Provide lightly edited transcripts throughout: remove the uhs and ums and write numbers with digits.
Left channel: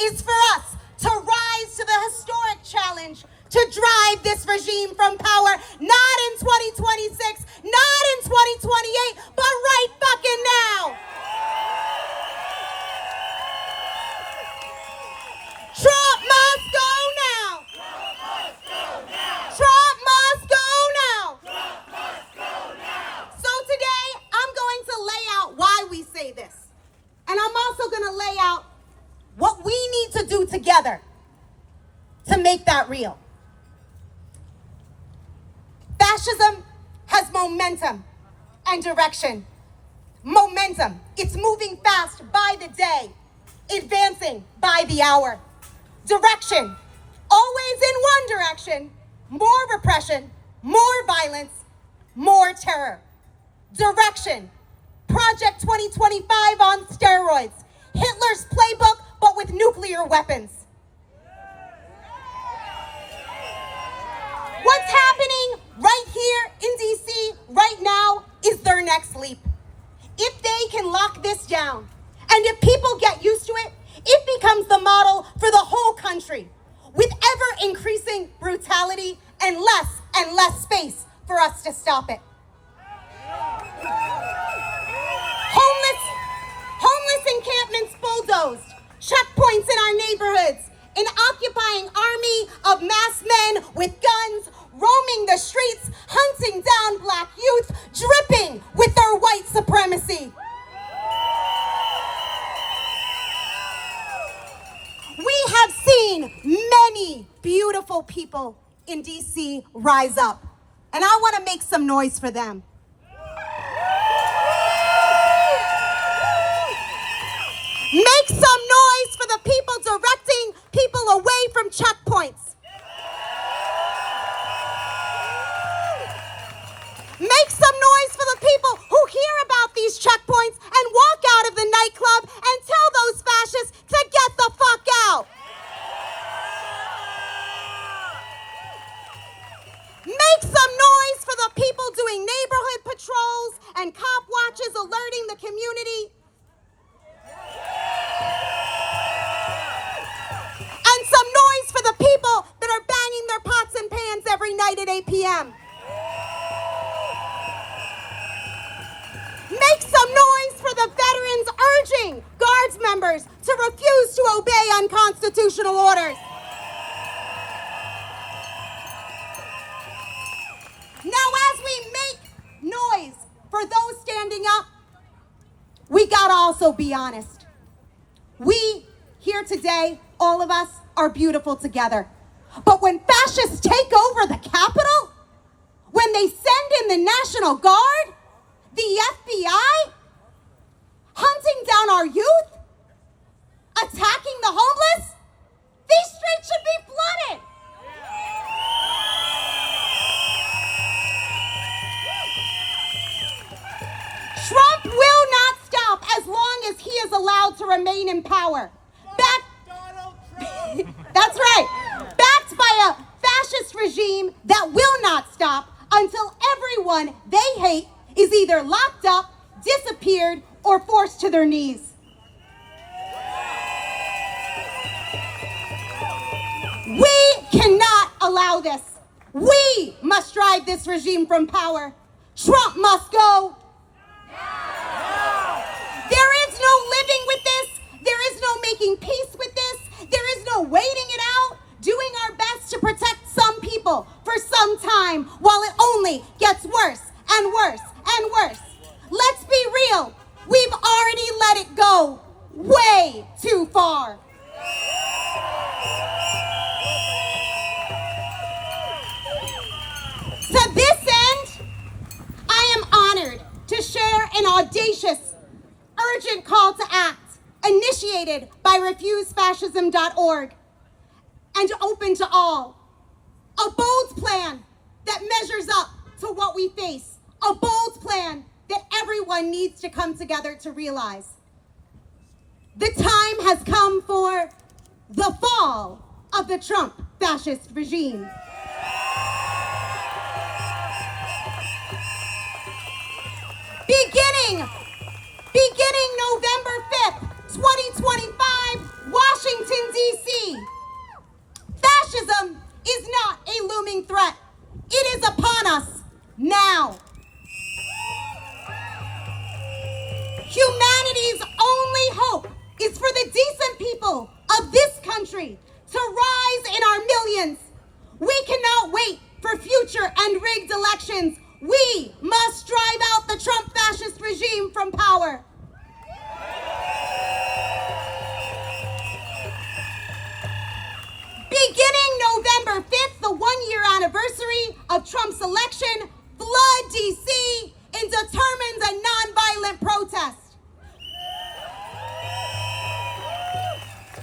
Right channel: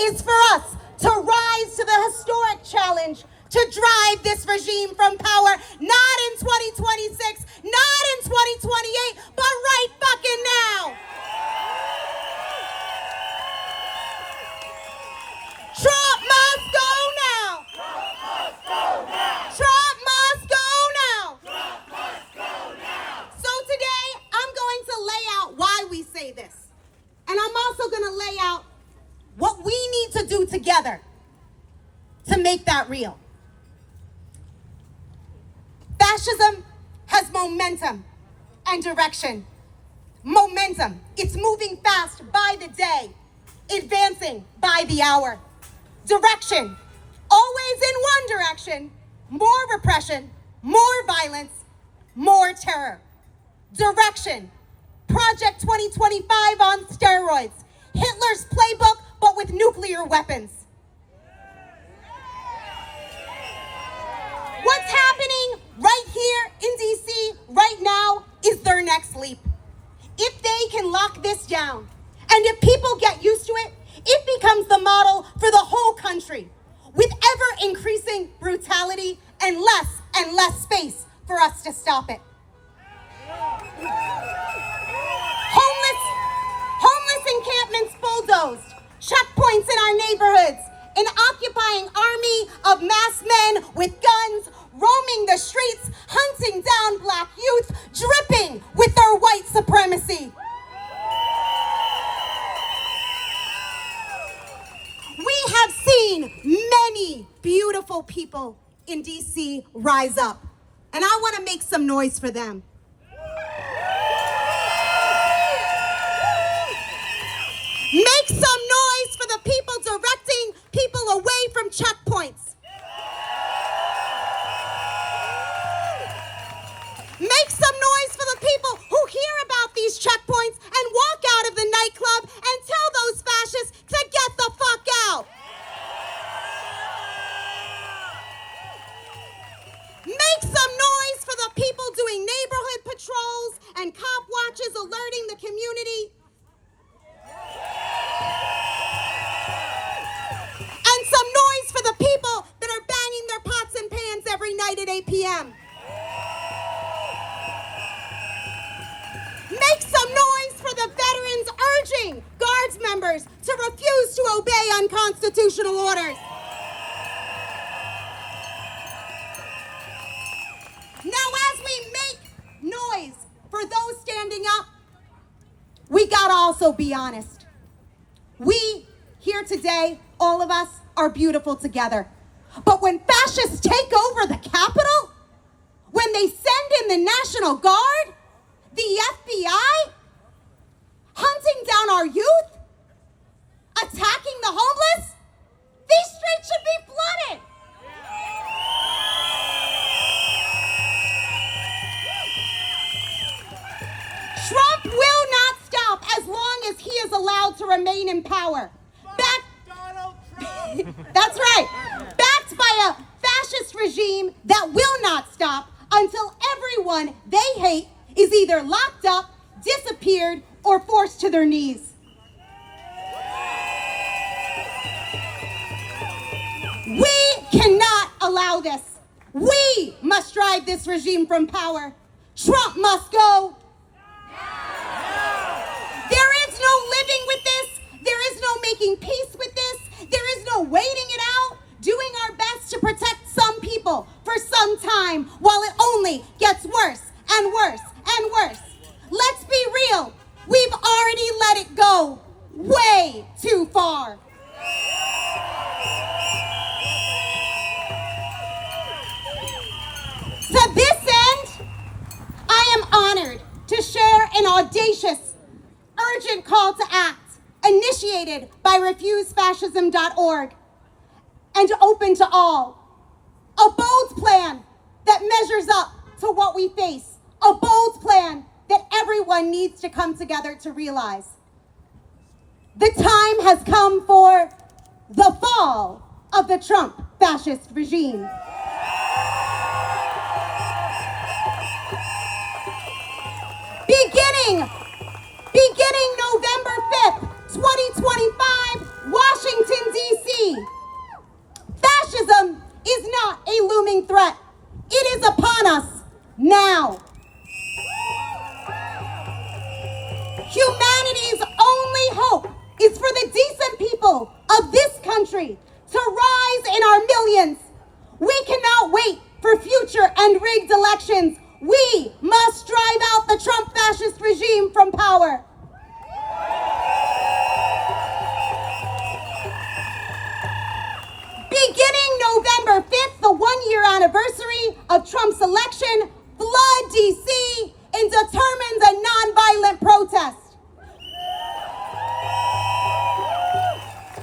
is for us to rise to the historic challenge to drive this regime from power, not in 2026, not in 2028, but right fucking now. Trump must go now. Trump must go now. So today, I'm going to lay out why we say this. And I'm also going to lay out what we need to do together to make that real. Fascism has momentum and direction. Momentum. It's moving fast by the day, advancing by the hour. Direction. Always in one direction. More repression, more violence, more terror. Direction. Project 2025 on steroids. Hitler's playbook, but with nuclear weapons. What's happening right here in DC right now is their next leap. If they can lock this down, and if people get used to it, it becomes the model for the whole country, with ever-increasing brutality and less space for us to stop it. Homeless encampments bulldozed, checkpoints in our neighborhoods, an occupying army of masked men with guns roaming the streets, hunting down black youth, dripping with their white supremacy. We have seen many beautiful people in DC rise up, and I want to make some noise for them. Make some noise for the people directing people away from checkpoints. Make some noise for the people who hear about these checkpoints and walk out of the nightclub and tell those fascists to get the fuck out. Make some noise for the people doing neighborhood patrols and cop watches alerting the community. And some noise for the people that are banging their pots and pans every night at 8 p.m. Make some noise for the veterans urging Guards members to refuse to obey unconstitutional orders. Now, as we make noise for those standing up, we gotta also be honest. We here today, all of us, are beautiful together. But when fascists take over the Capitol, when they send in the National Guard, the FBI, hunting down our youth, attacking the homeless, these streets should be flooded. Trump will not stop as long as he is allowed to remain in power. That's right. Backed by a fascist regime that will not stop until everyone they hate is either locked up, disappeared, or forced to their knees. We cannot allow this. We must drive this regime from power. Trump must go. There is no living with this. There is no making peace with this. There is no waiting it out, doing our best to protect some people for some time while it only gets worse and worse and worse. Let's be real. We've already let it go way too far. To this end, I am honored to share an audacious, urgent call to act initiated by refusefascism.org and open to all. A bold plan that measures up to what we face. A bold plan that everyone needs to come together to realize. The time has come for the fall of the Trump fascist regime. Beginning November 5th, 2025, Washington, Humanity's only hope is for the decent people of this country to rise in our millions. We cannot wait for future and rigged elections. We must drive out the Trump fascist regime from power. Beginning November 5th, the one-year anniversary of Trump's election, flood DC and determines a nonviolent protest.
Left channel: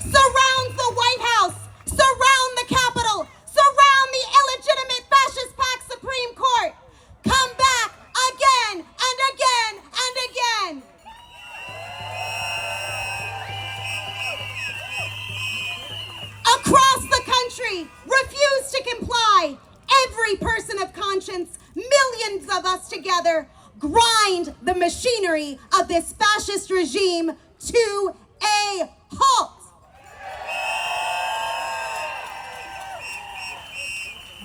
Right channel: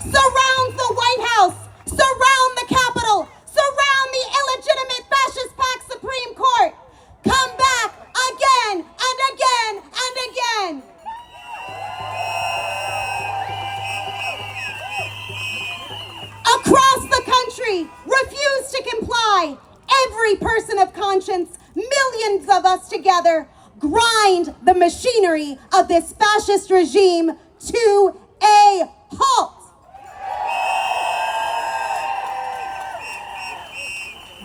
Surround the White House, surround the Capitol, surround the illegitimate fascist packed Supreme Court. Come back again and again and again. Across the country, refuse to comply. Every person of conscience, millions of us together, grind the machinery of this fascist regime to a halt.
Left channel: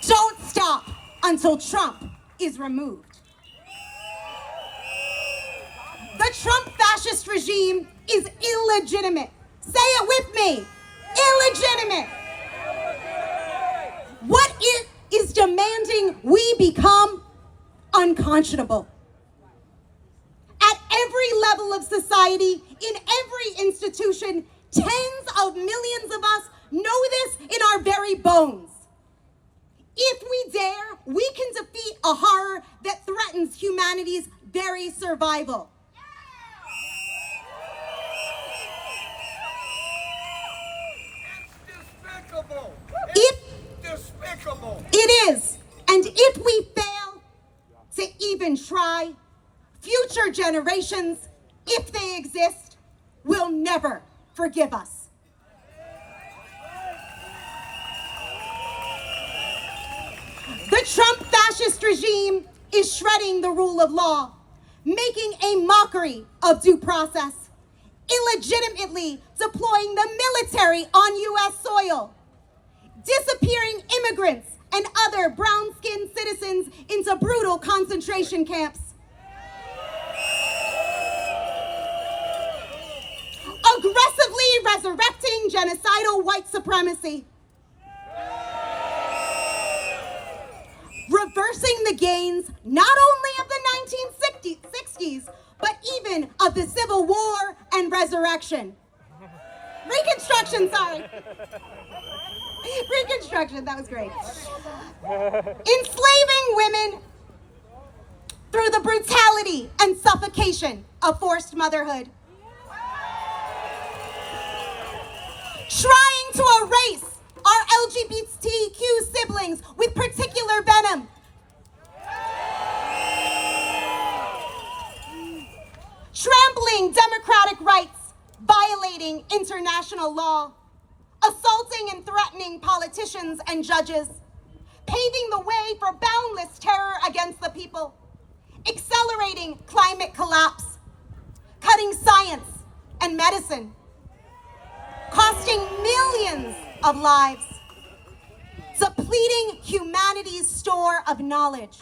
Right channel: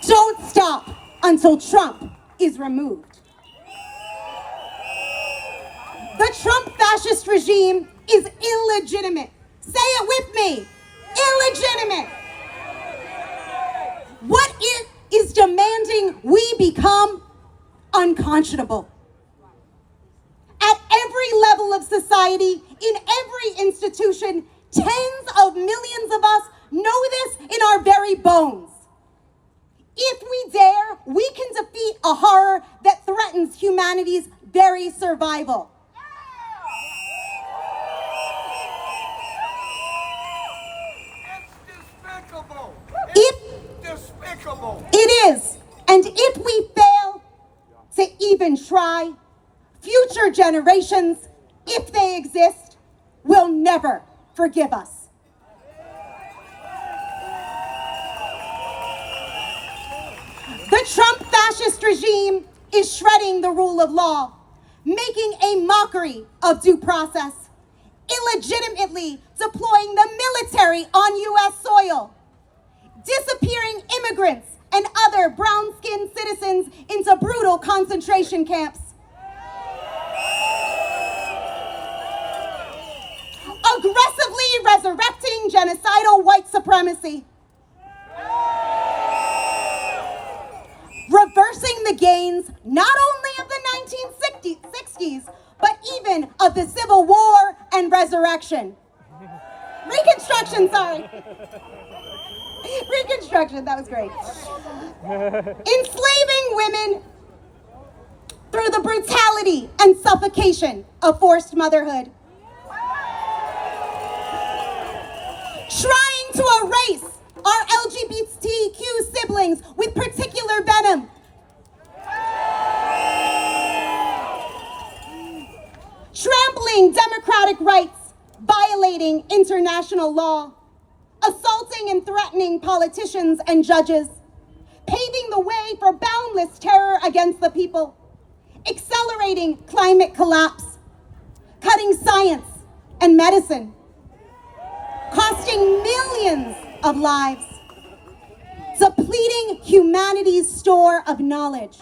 Don't stop until Trump is removed. The Trump fascist regime is illegitimate. Say it with me. Illegitimate. What it is demanding we become unconscionable. At every level of society, in every institution, tens of millions of us know this in our very bones. If we dare, we can defeat a horror that threatens humanity's very survival. Despicable. It is. And if we fail to even try, future generations, if they exist, will never forgive us. The Trump fascist regime is shredding the rule of law, making a mockery of due process, illegitimately deploying the military on U.S. soil, disappearing immigrants and other brown-skinned citizens into brutal concentration camps, aggressively resurrecting genocidal white supremacy, reversing the gains not only of the 1960s, but even of the Civil War and Reconstruction, that was great. Enslaving women through the brutality and suffocation of forced motherhood. Trying to erase our LGBTQ siblings with particular venom. Trampling democratic rights, violating international law, assaulting and threatening politicians and judges, paving the way for boundless terror against the people, accelerating climate collapse, cutting science and medicine, costing millions of lives, depleting humanity's store of knowledge,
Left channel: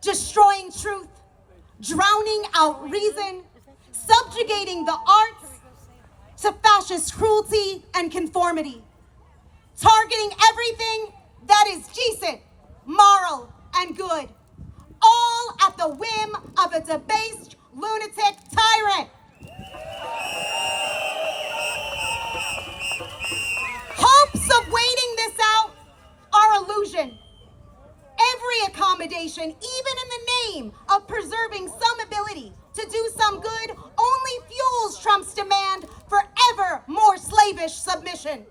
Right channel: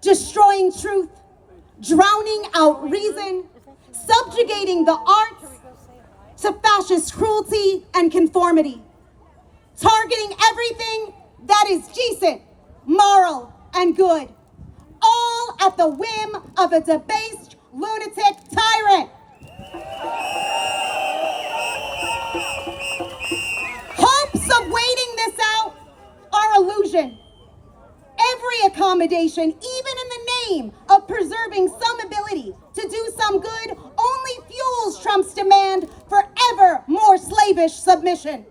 destroying truth, drowning out reason, subjugating the arts to fascist cruelty and conformity, targeting everything that is decent, moral, and good, all at the whim of a debased lunatic tyrant. Hopes of waiting this out are illusion. Every accommodation, even in the name of preserving some ability to do some good, only fuels Trump's demand for ever more slavish submission.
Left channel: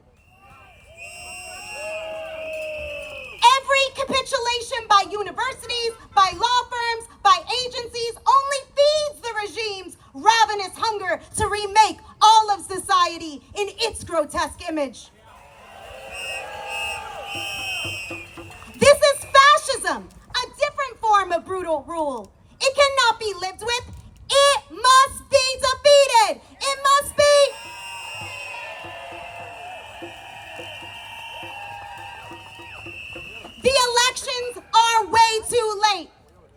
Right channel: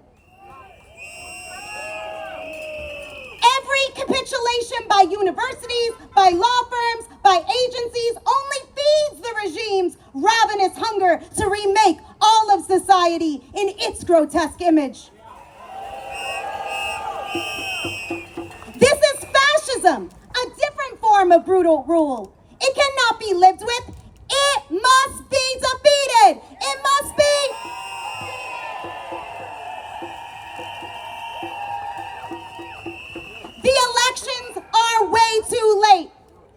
Every capitulation by universities, by law firms, by agencies only feeds the regime's ravenous hunger to remake all of society in its grotesque image. This is fascism, a different form of brutal rule. It cannot be lived with. It must be defeated. It must be. The elections are way too late.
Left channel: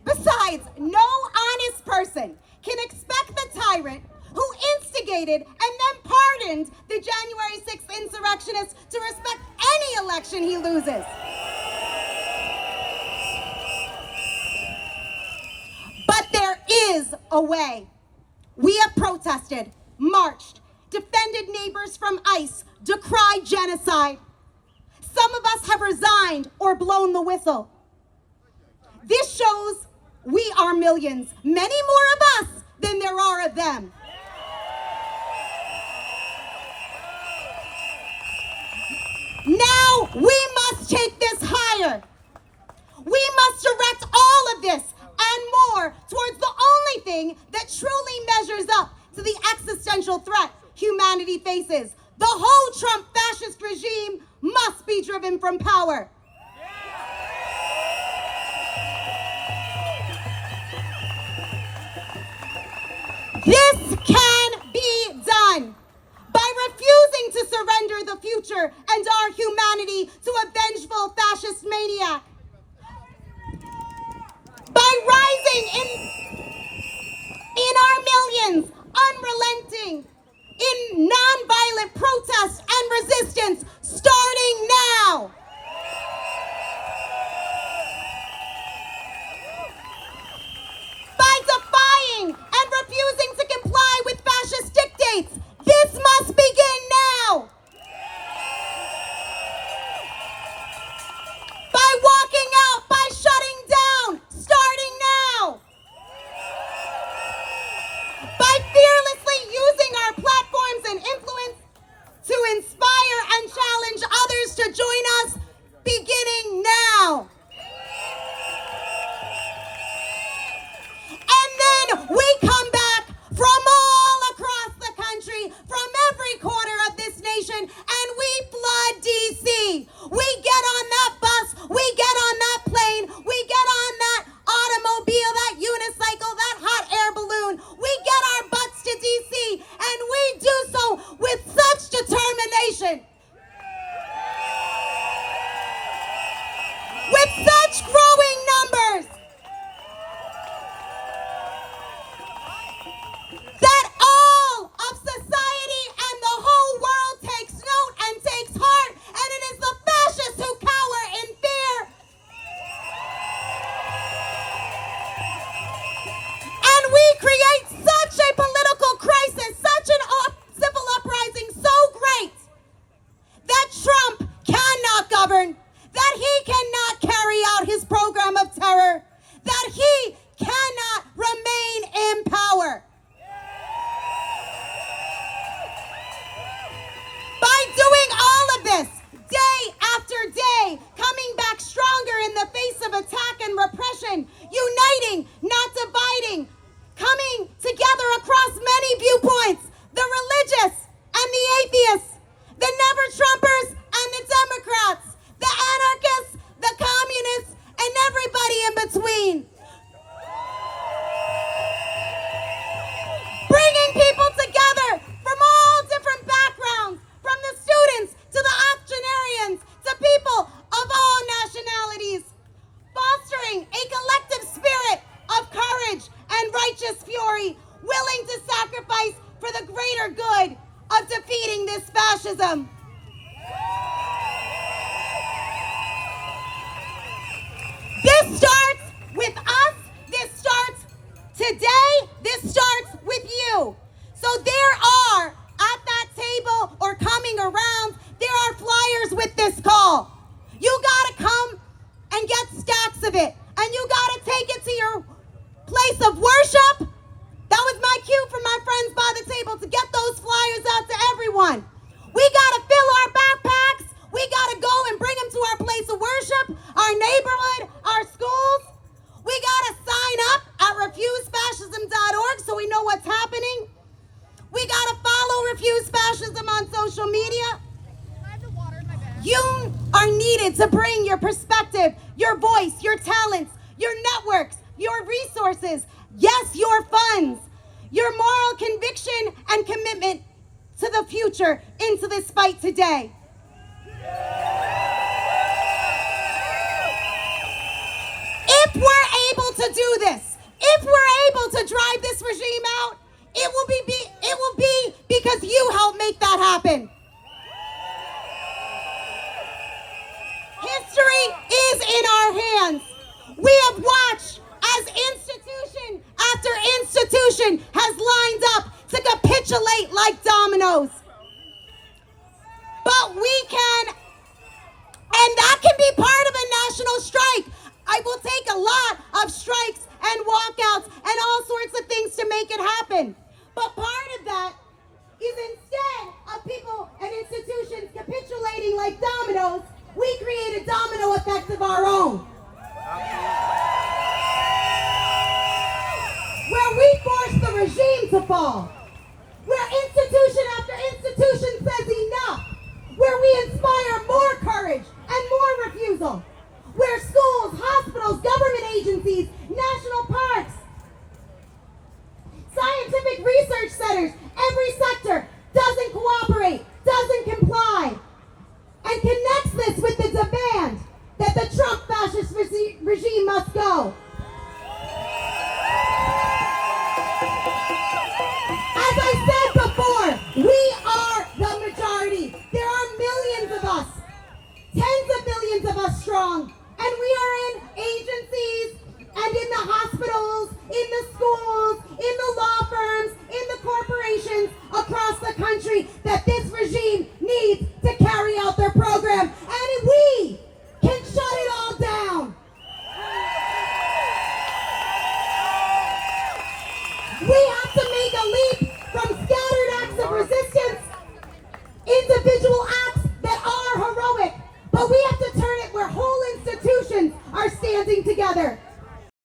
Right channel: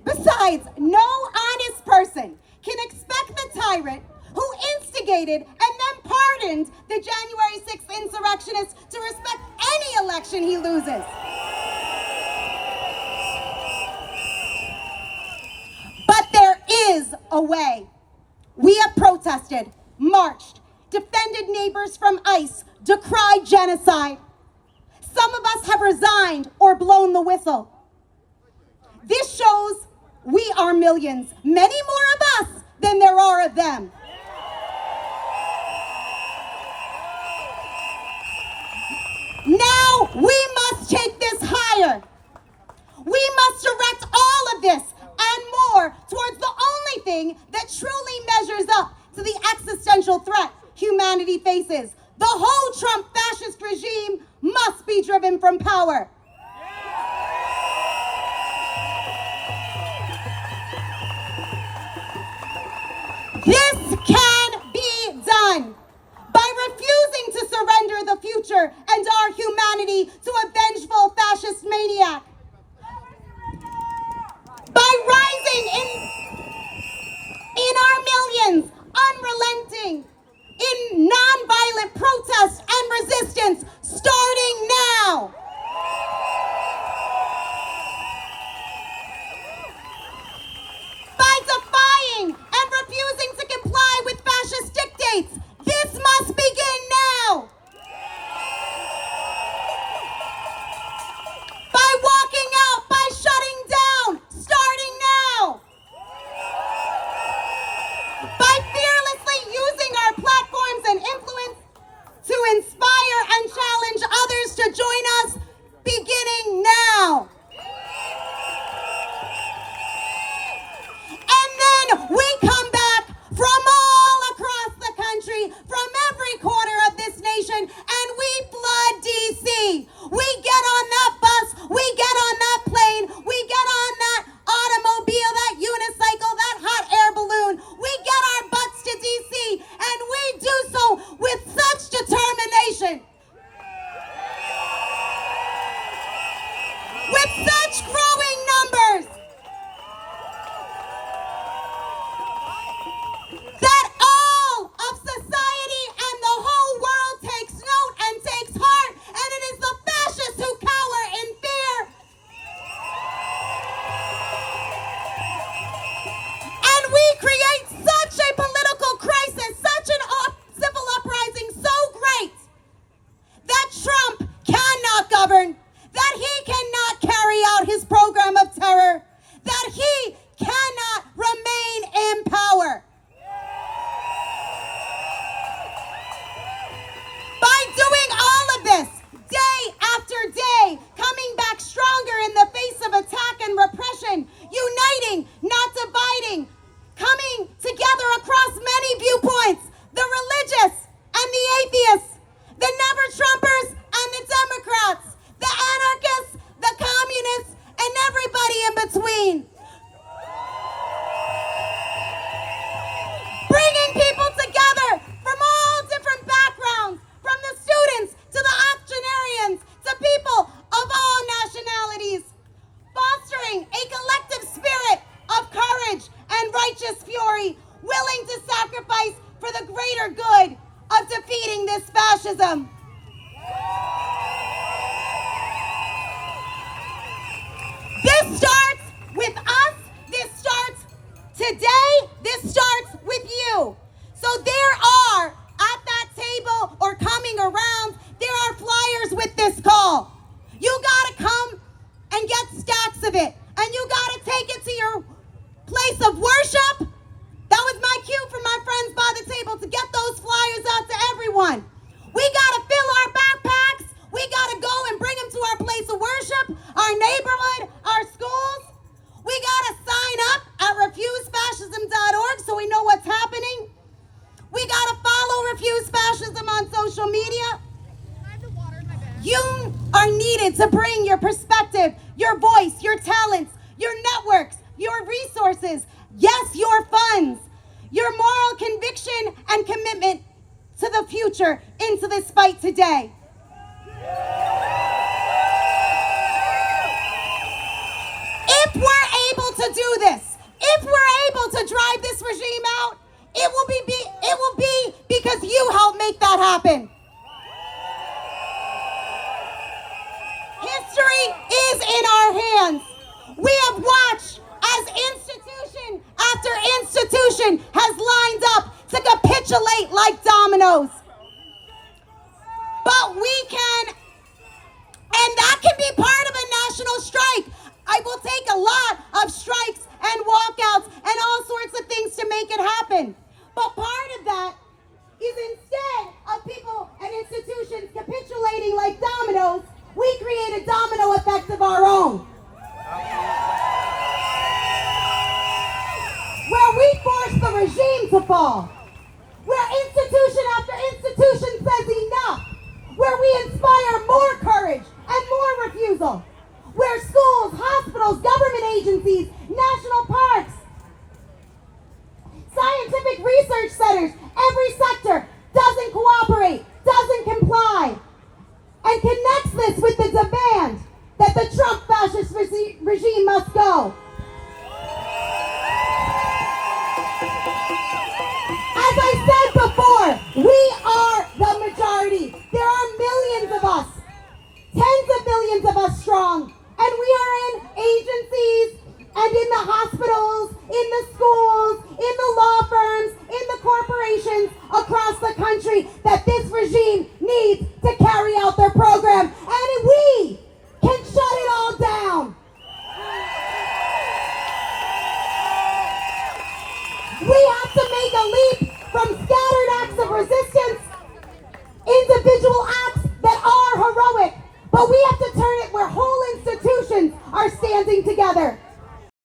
Besides, no honest person can expect the tyrant tyrant who instigated and then pardoned the January 6th insurrectionists to respect any election he loses. But there is a way. We have protested, marched, defended neighbors from ICE, decried genocide. Some of us have resigned or blown the whistle. This shows we are millions, many more of us than there are of them. Now we must take this higher. We must direct all of this and more towards the only thing that truly measures up to the existential threat humanity faces. The whole Trump fascist regime must be driven from power. This can be done by refusing to surrender the future and our humanity to a vengeful fascist maniac. By rising in our millions, unrelenting, in nonviolent protest and resistance, starting now. By defying and refusing to comply with fascist dictates, this must begin now. By walking out, by shutting down, starting now. By fearlessly using our platforms and influence to inspire and challenge others to join us, beginning now. And then we come back from all across the country, from every corner of this nation, and we flood DC. We get on that bus, we get on that plane, we get on that automobile, that unicycle, that hot air balloon. We get our butts to DC, and we do so with such determination, with such growing numbers, that all of society and the whole world takes note and takes heart, and it is the fascists who cower in fear. And we create such a political crisis, such an civil uprising so great that Trump cannot govern, that he cannot carry out his program of terror, that he cannot remain in power. By doing all of this, day after day, coming back stronger in the face of attack and repression, uniting, not dividing, coming together across many viewpoints, the religious and the atheists, the never-Trumpers and the Democrats, the anarchists, the communists, and everybody in between. Bringing people together from all different backgrounds, from the students to the octogenarians to people of all nationalities, fostering a collective spirit of courage and righteous fury, willing to sacrifice for the greater good of defeating this fascism. This starts with us. This starts today. This starts with you. So there are, at that table or coming around, there are flyers with this call. You gotta come and get stacks of it. And you gotta take it to your place of worship. That was my cue for my friends by the table to get those flyers out to everyone. We gotta fill our backpacks. We gotta go and bring them to our place of worship, our neighborhood, our schools. We gotta sign up at refusefascism.org so we know what's happening. We gotta follow Refuse Fascism on social media. You are needed to bring your perspective, your voice, your talents, your networks, your resources, yes, your funds, your moral conviction and commitment to the future into this fight today. If we're able to do this, if we're able to drive this regime out, it will be because you helped make that happen. History is in our hands. We have watched as institution after institution has lined up to capitulate like dominoes. But we can, and that can be part of a national strike. I will take a lot of strikes and walkouts and all sorts of things to make it happen. But part of that is instead of people and institutions capitulating like dominoes, we create a domino effect of our own. Where we force the regime to fall. Where institution after institution says enough. Where we inspire more courage and more refusal. Where schools, hospitals, government agencies, national parks, scientific research centers, every sector doesn't cooperate, doesn't comply, and connects this with the demand that the Trump fascist regime must go. As I said before, we are the majority. There are millions of us, tens of millions of us strong, and we are in agencies and in the hospitals, in the schools, in the law firms, in the corporations across the country that this regime needs to carry out their program. And we can shut it all down. We have to make a leap from scattered acts of resistance, individual acts that are heroic, but we have to turn it where whole institutions are standing together.